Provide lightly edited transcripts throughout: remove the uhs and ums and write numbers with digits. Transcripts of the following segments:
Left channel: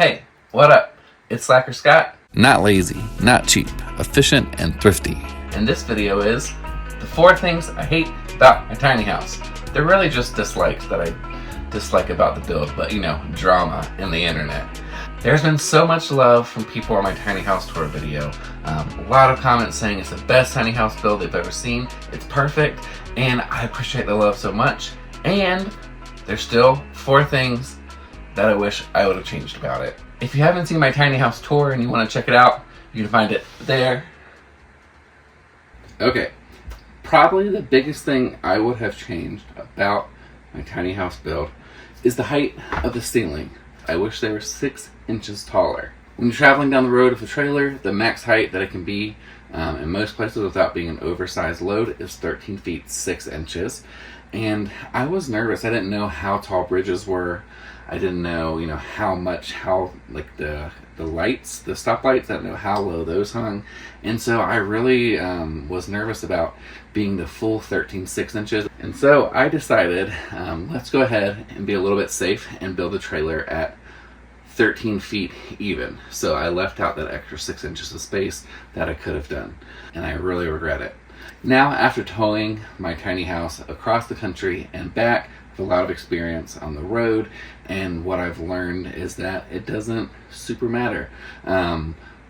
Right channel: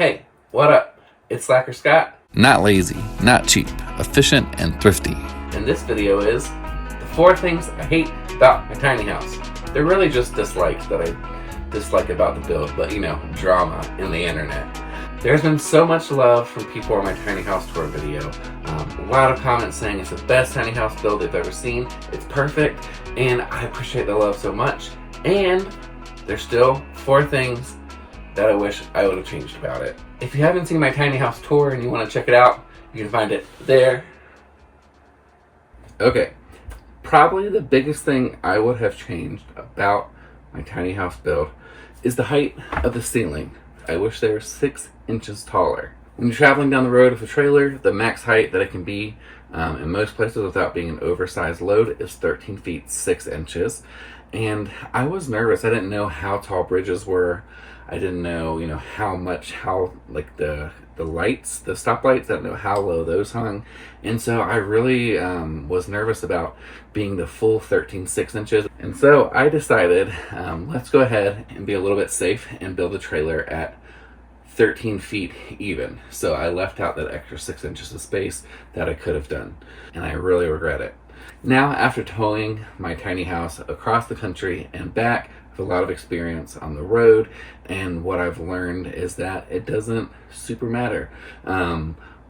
Hey, what up? It's Slacker Scott. Not lazy, not cheap, efficient, and thrifty. And this video is the 4 things I hate about my tiny house. They're really just dislikes that I dislike about the build, but drama in the internet. There's been so much love from people on my tiny house tour video. A lot of comments saying it's the best tiny house build they've ever seen. It's perfect, and I appreciate the love so much. And there's still 4 things that I wish I would have changed about it. If you haven't seen my tiny house tour and you want to check it out, you can find it there. Okay, probably the biggest thing I would have changed about my tiny house build is the height of the ceiling. I wish they were 6 inches taller. When you're traveling down the road with a trailer, the max height that it can be in most places without being an oversized load is 13 feet 6 inches. And I was nervous. I didn't know how tall bridges were. I didn't know, how like the lights, the stoplights, I didn't know how low those hung. And so I really was nervous about being the full 13 6 inches. And so I decided, let's go ahead and be a little bit safe and build a trailer at 13 feet even. So I left out that extra 6 inches of space that I could have done. And I really regret it. Now, after towing my tiny house across the country and back, I have a lot of experience on the road, and what I've learned is that it doesn't super matter.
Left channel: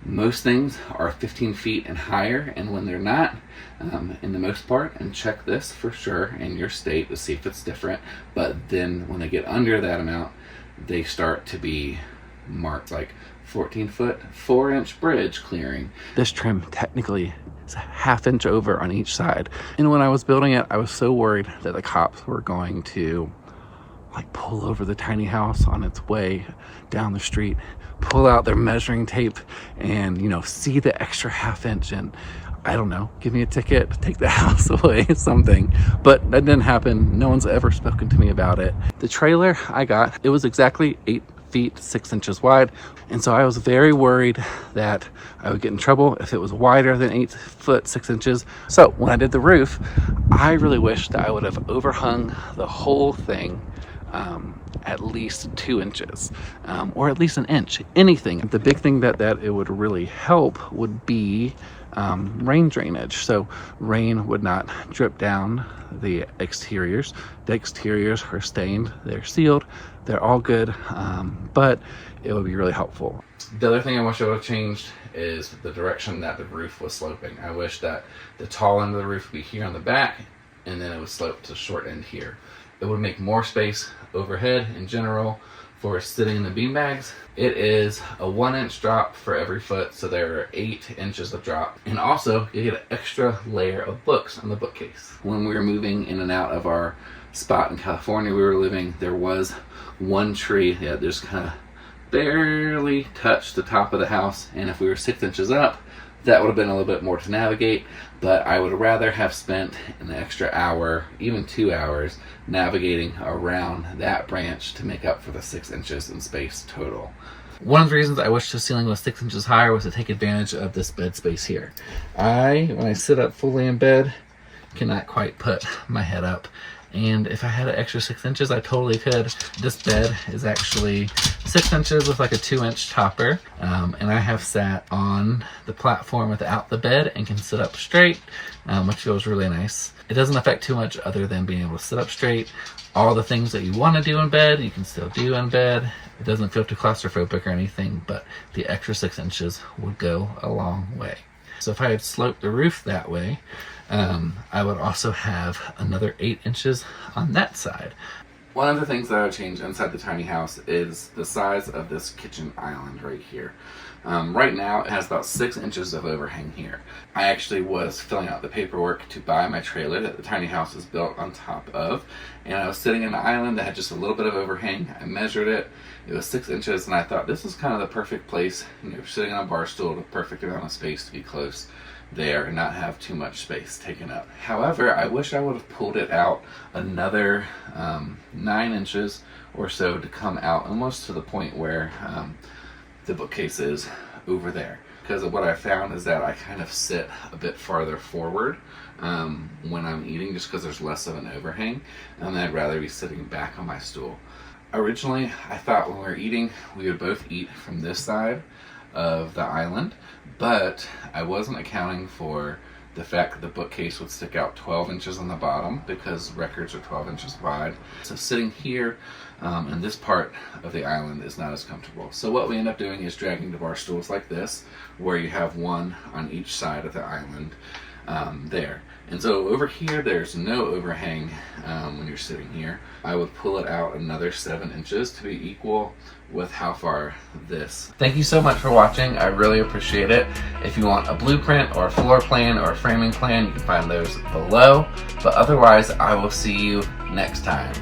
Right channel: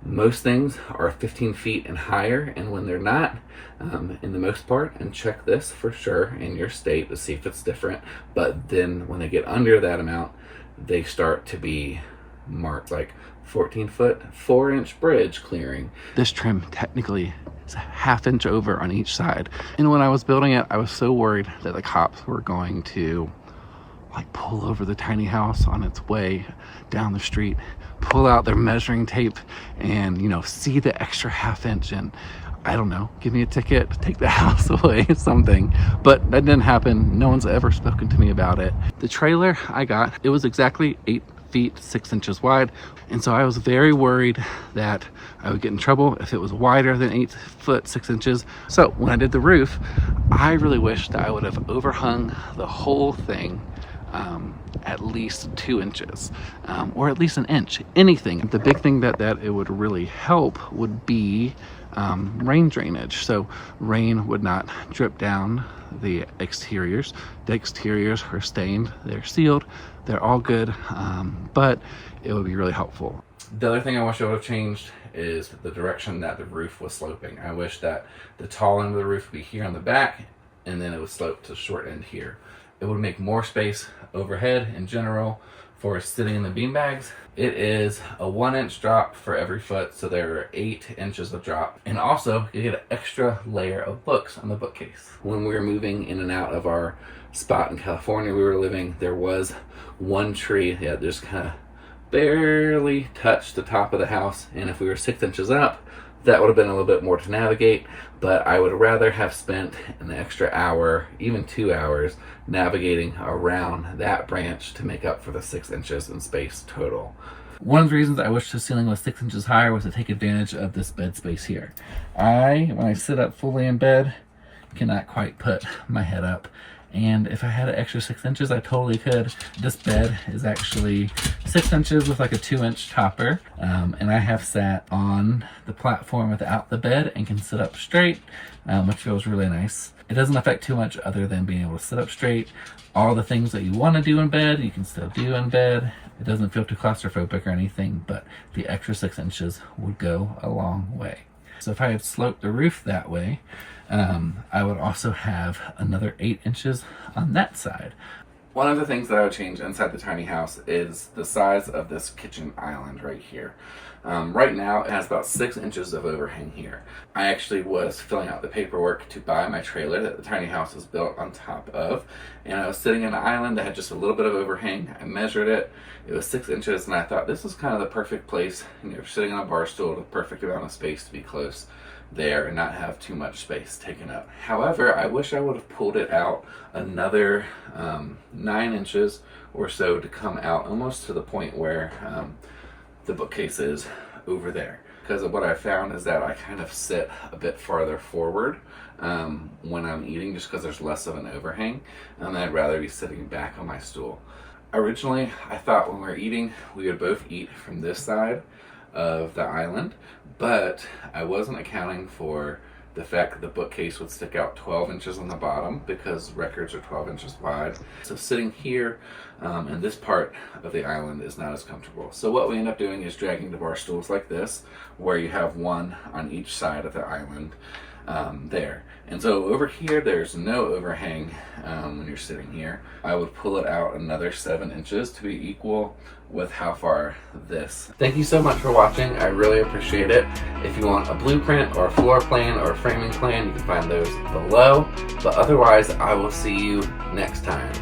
Most things are 15 feet and higher, and when they're not, in the most part, and check this for sure in your state to see if it's different, but then when they get under that amount, they start to be marked like 14-foot, 4-inch bridge clearing. This trim technically is a ½ inch over on each side. And when I was building it, I was so worried that the cops were going to pull over the tiny house on its way down the street, pull out their measuring tape and, see the extra ½ inch and, I don't know, give me a ticket, take the house away, something. But that didn't happen. No one's ever spoken to me about it. The trailer I got, it was exactly 8 feet 6 inches wide, and so I was very worried that I would get in trouble if it was wider than 8 foot 6 inches. So when I did the roof, I really wish that I would have overhung the whole thing at least 2 inches, or at least 1 inch, anything. The big thing that it would really help would be rain drainage, so rain would not drip down the exteriors. The exteriors are stained, they're sealed, they're all good, but it would be really helpful. The other thing I wish I would have changed is the direction that the roof was sloping. I wish that the tall end of the roof would be here on the back, and then it would slope to the short end here. It would make more space overhead in general for sitting in the beanbags. It is a 1-inch drop for every foot, so there are 8 inches of drop. And also, you get an extra layer of books on the bookcase. When we were moving in and out of our spot in California we were living, there was one tree that just kind of barely touched the top of the house, and if we were 6 inches up, that would have been a little bit more to navigate, but I would rather have spent an extra hour, even 2 hours, navigating around that branch to make up for the 6 inches in space total. One of the reasons I wish the ceiling was 6 inches higher was to take advantage of this bed space here. When I sit up fully in bed, cannot quite put my head up. And if I had an extra 6 inches, I totally could. This bed is actually 6 inches with like a 2-inch topper. And I have sat on the platform without the bed and can sit up straight, which feels really nice. It doesn't affect too much other than being able to sit up straight. All the things that you want to do in bed, you can still do in bed. It doesn't feel too claustrophobic or anything, but the extra 6 inches would go a long way. So if I had sloped the roof that way, I would also have another 8 inches on that side. One of the things that I would change inside the tiny house is the size of this kitchen island right here. Right now it has about 6 inches of overhang here. I actually was filling out the paperwork to buy my trailer that the tiny house is built on top of, and I was sitting in an island that had just a little bit of overhang. I measured it, it was 6 inches, and I thought this is kind of the perfect place, sitting on a bar stool, the perfect amount of space to be close there and not have too much space taken up. However, I wish I would have pulled it out another 9 inches or so to come out almost to the point where the bookcase is over there. Because what I found is that I kind of sit a bit farther forward when I'm eating, just because there's less of an overhang, and I'd rather be sitting back on my stool. Originally, I thought when we were eating, we would both eat from this side of the island, but I wasn't accounting for the fact that the bookcase would stick out 12 inches on the bottom because records are 12 inches wide. So sitting here in this part of the island is not as comfortable. So what we end up doing is dragging the bar stools like this, where you have one on each side of the island there. And so over here, there's no overhang when you're sitting here. I would pull it out another 7 inches to be equal with how far this. Thank you so much for watching. I really appreciate it. If you want a blueprint or a floor plan or a framing plan, you can find those below. But otherwise, I will see you next time.